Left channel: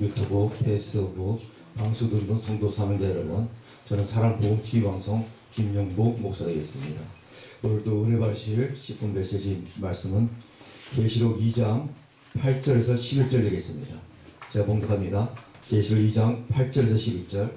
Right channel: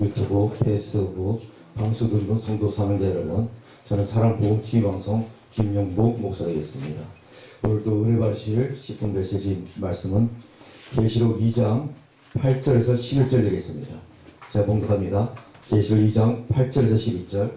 유튜브, 페이스북 방송 듣는 성도 사명자 여러분, 저는 사랑복음 TV 방송 김영복 목사이겠습니다. 오늘도 은혜 받으실 10분 메시지 말씀은 계시록 2장 8절에서 11절 되겠습니다. 제가 봉독합니다. 계시록 2장 8절에서 11절.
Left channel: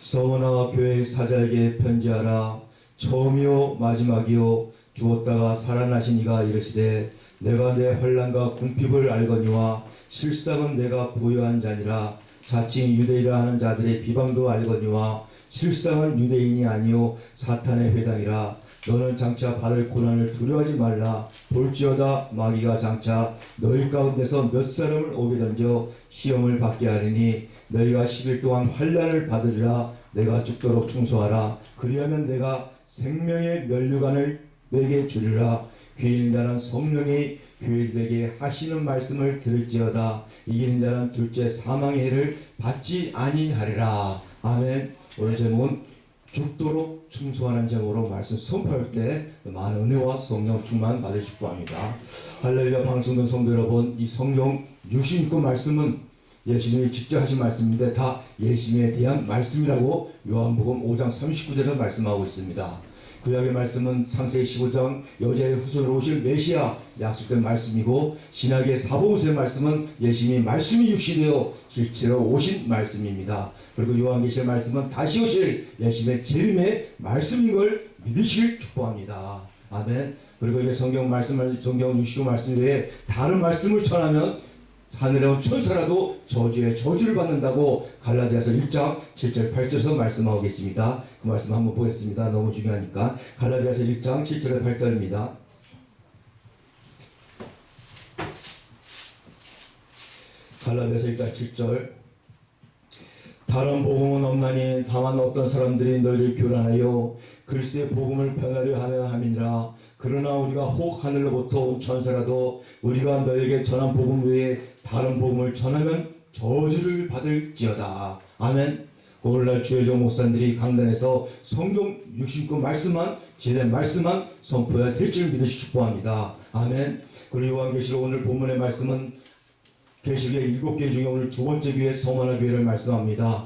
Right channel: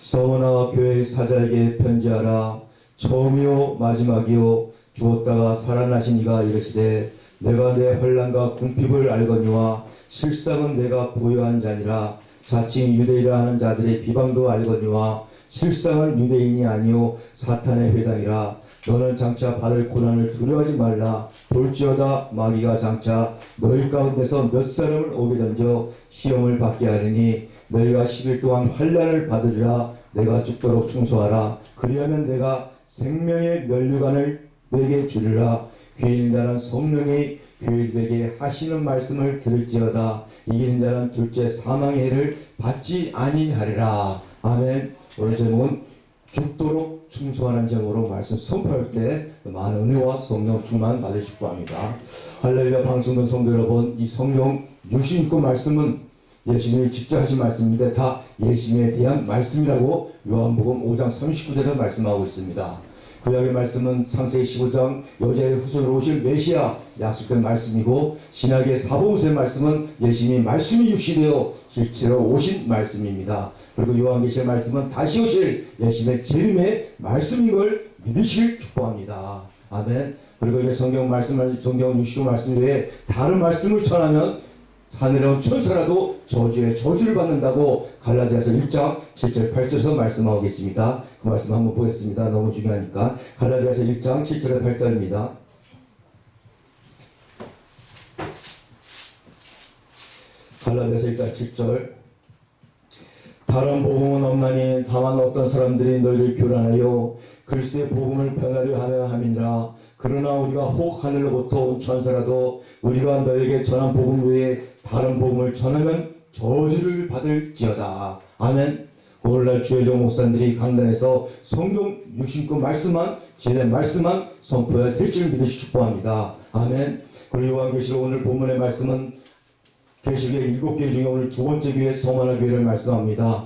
서머나 교회 사자에게 편지하라. 처음이요 마지막이요 죽었다가 살아나신 이가 이르시되 내가 내 환난과 궁핍을 알거니와 실상은 내가 부여한 자니라. 자칭 유대인이라 하는 자들의 비방도 알거니와 실상은 유대인이 아니요 사탄의 회당이라. 너는 장차 받을 고난을 두려워하지 말라. 볼지어다 마귀가 장차 너희 가운데서 몇 사람을 오게 던져 시험을 받게 하리니 너희가 10일 동안 환난을 받으리라. 내가 죽도록 충성하라. 그리하면 내가 생명의 면류관을 내게 주리라. 귀인 자는 성령이 교회들에게 하시는 말씀을 들을지어다. 이기는 자는 둘째 사망의 해를 받지 아니하리라. 아멘. 오늘 제목은 죽도록 충성하는 제목으로 말씀 선포할 때 많은 은혜와 성령 충만 받으시기 바랍니다. 할렐루야. 방송된 성도 여러분, 이 성령 유신권 말씀은 예수님이 직접 하신 말씀인데 다 예수님에 대한 말씀이라고 요한복음 5장 39절에 말씀하고 있습니다. 구약의 말씀은 창세기 15장 여자의 후손으로 오실 메시아 약속된 말씀이고, 신약의 사복음서의 말씀은 예수님이 말씀이 육시되어 실제로 오신 말씀입니다. 그리고 요한계시의 말씀은 다시 오실 예수님의 재림의 말씀인 걸 믿으시길 축복합니다. 아멘. 그리고 이제 성경 말씀, 성경 유시고 말씀 외에 다른 말씀을 전하면 하늘에 온 천사라도 저주의 저주를 받는다고 갈라디아서 1장 7절 8절에서 말씀하고 계십니다. 그 말씀 한번 보겠습니다. 너무 중요하니까. 갈라디아서 1장 7절에 8절입니다. 갈라디아서 1장 7절. 다른 복음은 없나니 다만 어떤 사람들이 너희를 교란하여 그리스도의 복음을 변하려 하려 함이니라. 그러나 우리가 혹 하늘로부터 온 천사라도 우리가 너에게 전한 복음 외에 다른 복음을 전하면 저주를 받을지어다. 아멘. 오늘날 주의종 목사님들이 강단에서 성경 유신권 말씀만, 제대 말씀만 선포해야 될 줄 믿으시 축복합니다. 아멘. 그리고 요한계시록 오늘 본문의 말씀은 계시록의 7개 중에 오늘 두 번째 교회 서머나 교회를 말씀합니다.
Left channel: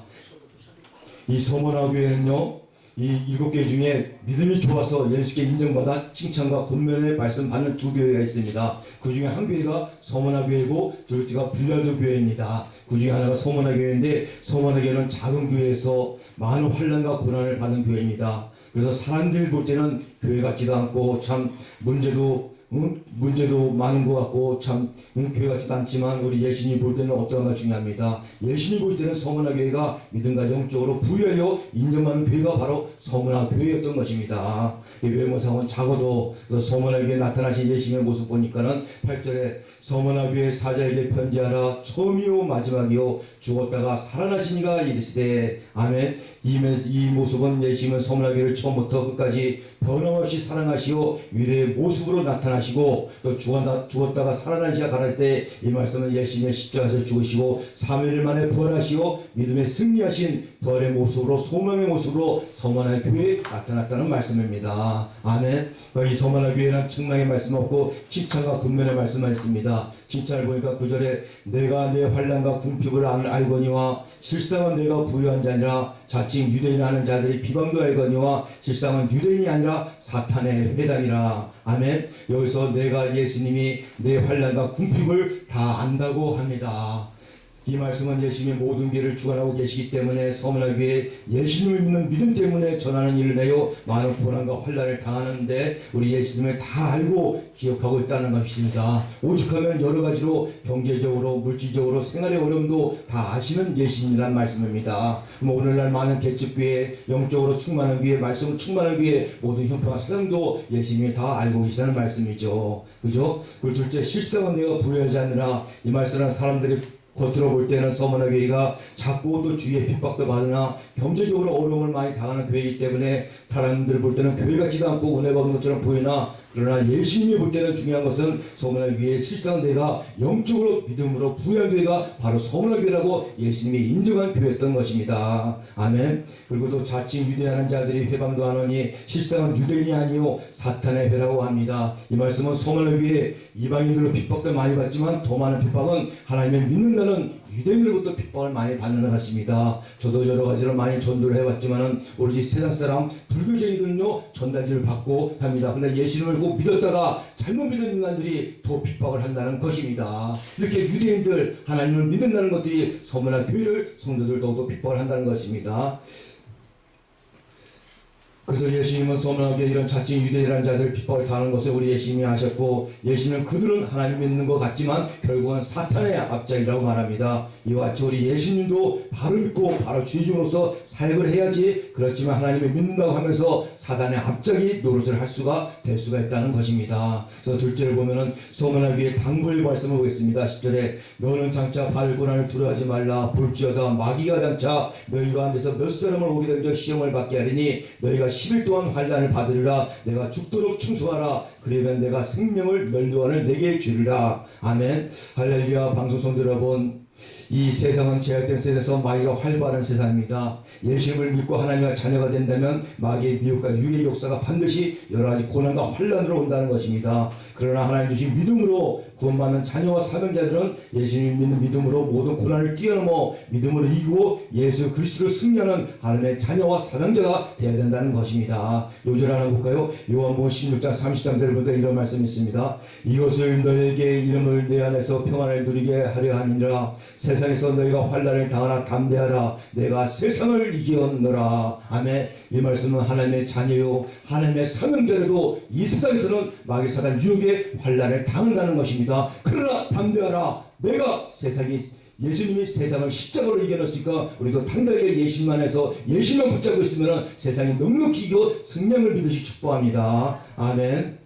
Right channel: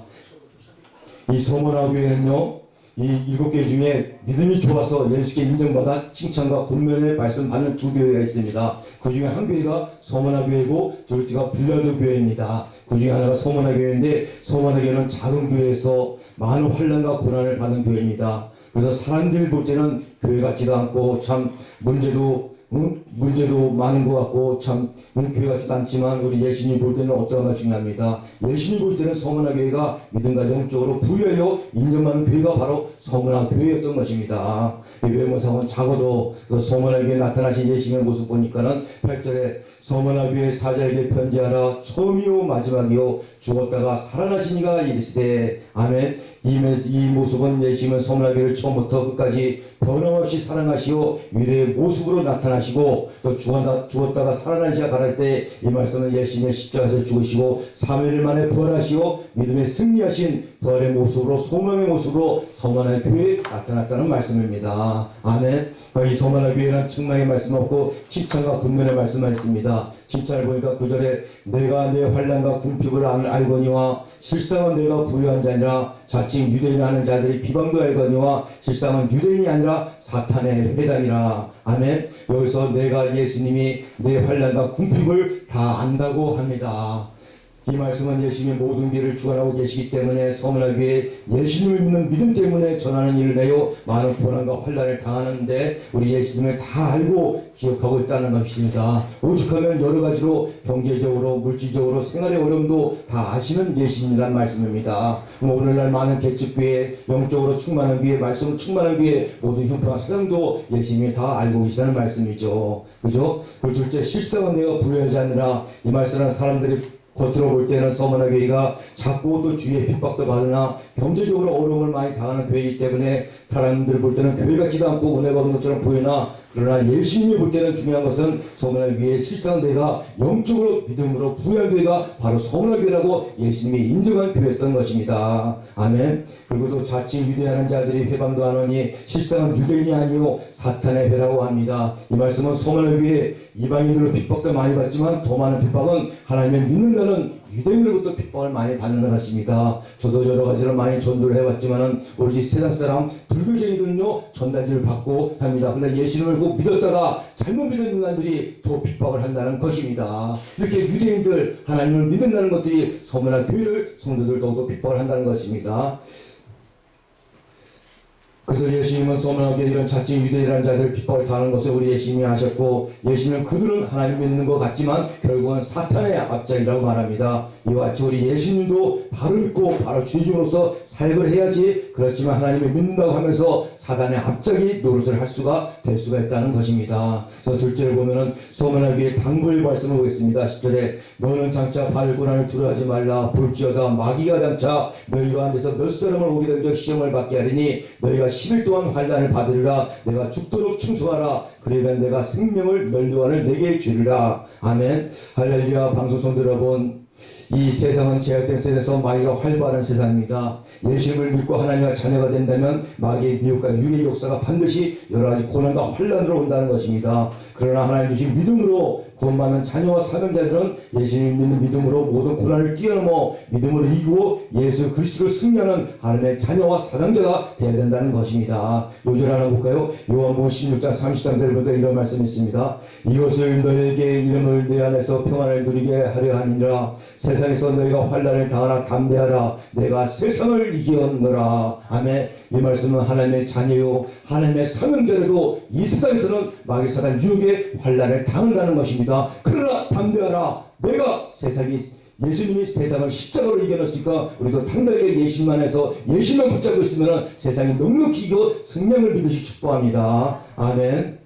이 서머나 교회는요, 이 7개 중에 믿음이 좋아서 예수께 인정받아 칭찬과 권면의 말씀 받는 두 교회가 있습니다. 그 중에 한 교회가 서머나 교회고 둘째가 빌라도 교회입니다. 그 중에 하나가 서머나 교회인데, 서머나 교회는 작은 교회에서 많은 환난과 고난을 받는 교회입니다. 그래서 사람들이 볼 때는 교회 같지도 않고 참 문제도 많은 것 같고 참 교회 같지도 않지만 우리 예수님 볼 때는 어떠한가 중요합니다. 예수님 볼 때는 서머나 교회가 믿음과 영적으로 부여하여 인정받는 교회가 바로 서머나 교회였던 것입니다. 외모상은 작아도 서머나 교회에 나타나신 예수님의 모습 보니까는 8절에 서머나 교회 사자에게 편지하라. 처음이요 마지막이요 죽었다가 살아나신 이가 이르시되. 아멘. 이 모습은 예수님은 서머나 교회를 처음부터 끝까지 변함없이 사랑하시오 위대의 모습으로 나타나시고, 또 죽었다가 살아나시아 가랄 때 이 말씀은 예수님의 십자가에서 죽으시고 3일 만에 부활하시오 믿음에 승리하신 부활의 모습으로, 소망의 모습으로 서머나 교회에 나타났다는 말씀입니다. 아멘. 이 서머나 교회는 책망의 말씀 없고 칭찬과 근면의 말씀만 있습니다. 칭찬을 보니까 9절에 내가 내 환난과 궁핍을 알거니와 실상은 내가 부유한 자니라. 자칭 유대인 하는 자들이 비방도 알거니와 실상은 유대인이 아니라 사탄의 회당이라. 아멘. 여기서 내가 예수님이 내 환난과 궁핍을 다 안다고 합니다. 이 말씀은 예수님이 모든 길을 주관하고 계시기 때문에 서머나 교회에 예수님을 믿는 믿음 때문에 전하는 일을 내요 많은 고난과 환난을 당하는데 우리 예수님을 다 알고 기억하고 있다는 것입니다. 오죽하면 여러 가지로 경제적으로, 물질적으로, 생활의 어려움도 다 아시는 예수님이란 말씀입니다. 오늘날 많은 개척교회, 영적으로 충만한 교회, 말씀으로 충만한 교회 모든 형편과 사정도 예수님이 다 알고 계시다는 말씀이죠. 그죠? 그 둘째, 실상은 내가 부여하지 않느라. 이 말씀은 사람들이 겉으로 볼 때는 서머나 교회가 작고 또 주위에 핍박도 받으나 경제적으로 어려움을 많이 당하는 교회이기 때문에 사람들 볼 때는 교회 같지도 않고 은혜가 없는 것처럼 보이나, 그러나 예수님이 볼 때는 중요한 것은 서머나 교회의 실상 내가 영적으로 믿음으로 부여한 교회가 바로 서머나 교회라고 예수님이 인정한 교회였던 것입니다. 아멘. 그리고 또 자칭 유대하는 자들이 회방도 하노니 실상은 유대인이 아니요 사탄의 회라고 합니다. 이 말씀은 서머나 교회 이방인들로 핍박도 많이 받지만 더 많은 핍박은 하나님의 믿는다는 유대인으로부터 핍박을 많이 받는 것입니다. 저도 여러 가지로 많이 전도를 해왔지만은 오로지 세상 사람 불교쟁이들은요 전단지를 받고 합니다. 근데 예수님을 꼭 믿었다가 잘못 믿은 인간들이 더 핍박을 한다는 것입니다. 이렇게 유대인들 하나님을 믿는다는 것들이 서문화 교회를 성도들 더욱더 핍박을 한다는 것입니다. 그래서 예수님은 서문하게 이런 자칭 유대인이라는 자들 핍박을 당하는 것을 우리 예수님이 아셨고, 예수님은 그들은 하나님 믿는 것 같지만 결국은 사탄의 앞장이라고 말합니다. 이와 같이 우리 예수님도 바로 믿고 바로 주의종으로서 사역을 해야지, 그렇지만 하나님을 믿는다고 하면서 사단의 앞장이 노릇을 할 수가 될 수가 있다는 것입니다. 그래서 둘째를 보면은 서문하기의 당부의 말씀을 보겠습니다. 10절에 너는 장차 바알 고난을 두려워하지 말라. 볼지어다 마귀가 장차 너희가 안에서 몇 사람을 오게 된 적 시험을 받게 하리니 너희가 10일 동안 환난을 받으리라. 내가 죽도록 충성하라. 그러면 내가 생명을 면류관을 내게 주리라. 아멘. 할렐루야. 방송성도 여러분, 이 세상은 제약된 세상에서 마귀가 활발한 세상입니다. 예수님을 믿고 하나님의 자녀가 된다면 마귀의 미혹과 유괴의 역사가 반드시 여러 가지 고난과 환난으로 온다는 것입니다. 그러나 하나님 주신 믿음으로 구원받는 자녀와 사명자들은 예수님 믿는 믿음으로 모든 고난을 뛰어넘어 믿음으로 이기고 예수 그리스도를 승리하는 하나님의 자녀와 사명자가 되어야 된다는 것입니다. 요절 하나 볼까요? 요한복음 16장 30절을 보니까 이런 말씀이 있습니다. 이것을 너에게 이름을 내 안에서 평안을 누리게 하려 함이니라. 세상에서 너희가 환난을 당하나 담대하라. 내가 세상을 이기었노라. 아멘. 이 말씀은 하나님의 자녀요 하나님의 사명자라도 이 세상에서는 마귀 사단 유혹의 환난을 당한다는 것입니다. 그러나 담대하라. 내가 예수님이 세상을 십자가로 이겨냈으니까 우리도 당당하게 예수님만 해서 예수님만 붙잡고 있으면 세상이 넉넉히 이겨 승량을 믿으시 축복합니다. 아멘.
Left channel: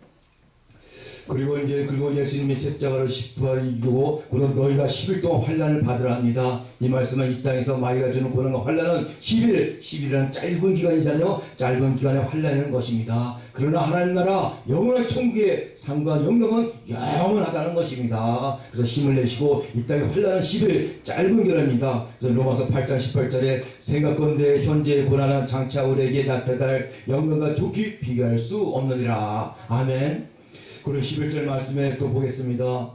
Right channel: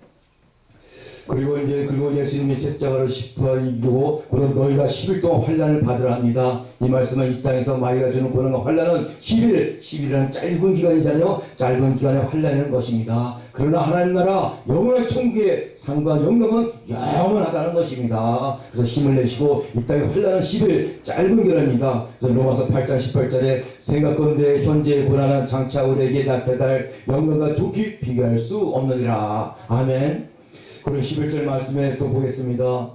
그리고 예수님이 십자가를 이기고 그런 너희가 10일 동안 환난을 받으라 합니다. 이 말씀은 이 땅에서 마귀가 주는 고난과 환난은 10일이라는 짧은 기간이잖아요. 짧은 기간의 환난이라는 것입니다. 그러나 하나님 나라 영원한 천국의 상과 영광은 영원하다는 것입니다. 그래서 힘을 내시고 이 땅의 환난은 10일 짧은 기간입니다. 그래서 로마서 8장 18절에 생각건대 현재의 고난은 장차 우리에게 나타날 영광과 좋게 비교할 수 없느니라. 아멘. 그리고 11절 말씀에 또 보겠습니다.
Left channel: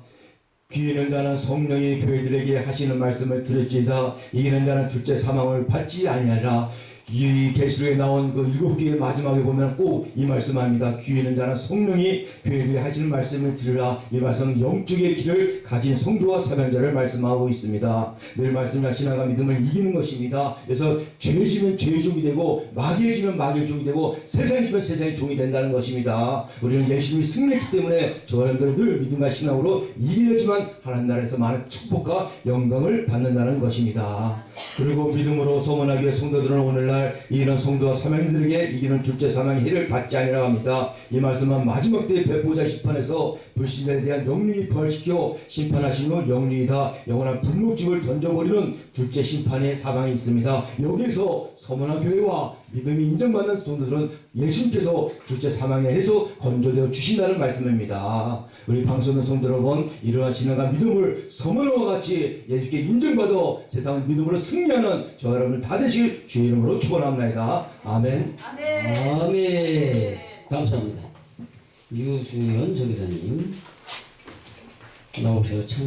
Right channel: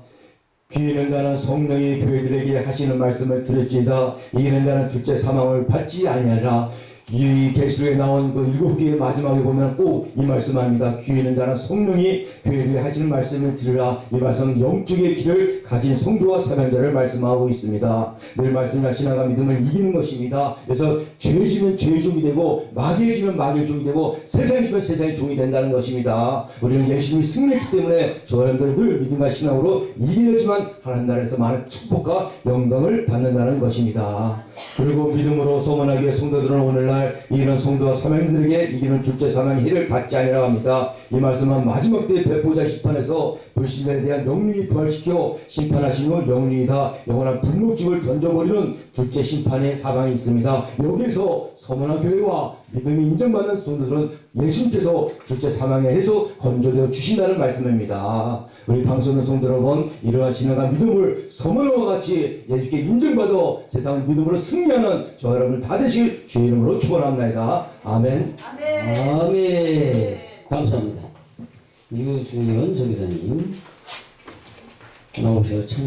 귀 있는 자는 성령이 교회들에게 하시는 말씀을 들을지어다. 이기는 자는 둘째 사망을 받지 아니하리라. 이 계시록에 나온 그 7개의 마지막에 보면 꼭 이 말씀합니다. 귀 있는 자는 성령이 교회들에게 하시는 말씀을 들으라. 이 말씀은 영적의 길을 가진 성도와 사명자를 말씀하고 있습니다. 늘 말씀을 지나가 믿음을 이기는 것입니다. 그래서 죄 지면 죄의 종이 되고 마귀에 지면 마귀의 종이 되고 세상에 지면 세상의 종이 된다는 것입니다. 우리는 예수님이 승리했기 때문에 저와 여러분들은 늘 믿음과 신앙으로 이기려지만 하나님 나라에서 많은 축복과 영광을 받는다는 것입니다. 그리고 믿음으로 소문하기 위해 성도들은 오늘날 이기는 성도와 사명자들에게 이기는 둘째 사망의 해를 받지 아니라고 합니다. 이 말씀은 마지막 때의 배포자 심판에서 불신자에 대한 영능이 부활시켜 심판하신 후 영능이다 영원한 분노집을 던져버리는 둘째 심판의 사방이 있습니다. 여기서 서문화 교회와 믿음이 인정받는 성도들은 예수님께서 둘째 사망에 해서 건져되어 주신다는 말씀입니다. 우리 방송하는 성도 여러분, 이러한 진행한 믿음을 서문화와 같이 예수께 인정받아 세상을 믿음으로 승리하는 저와 여러분들 다 되실 주의 이름으로 축원합니다. 아멘. 아멘. 감사합니다. 유수연 전도사님 나오셔서 참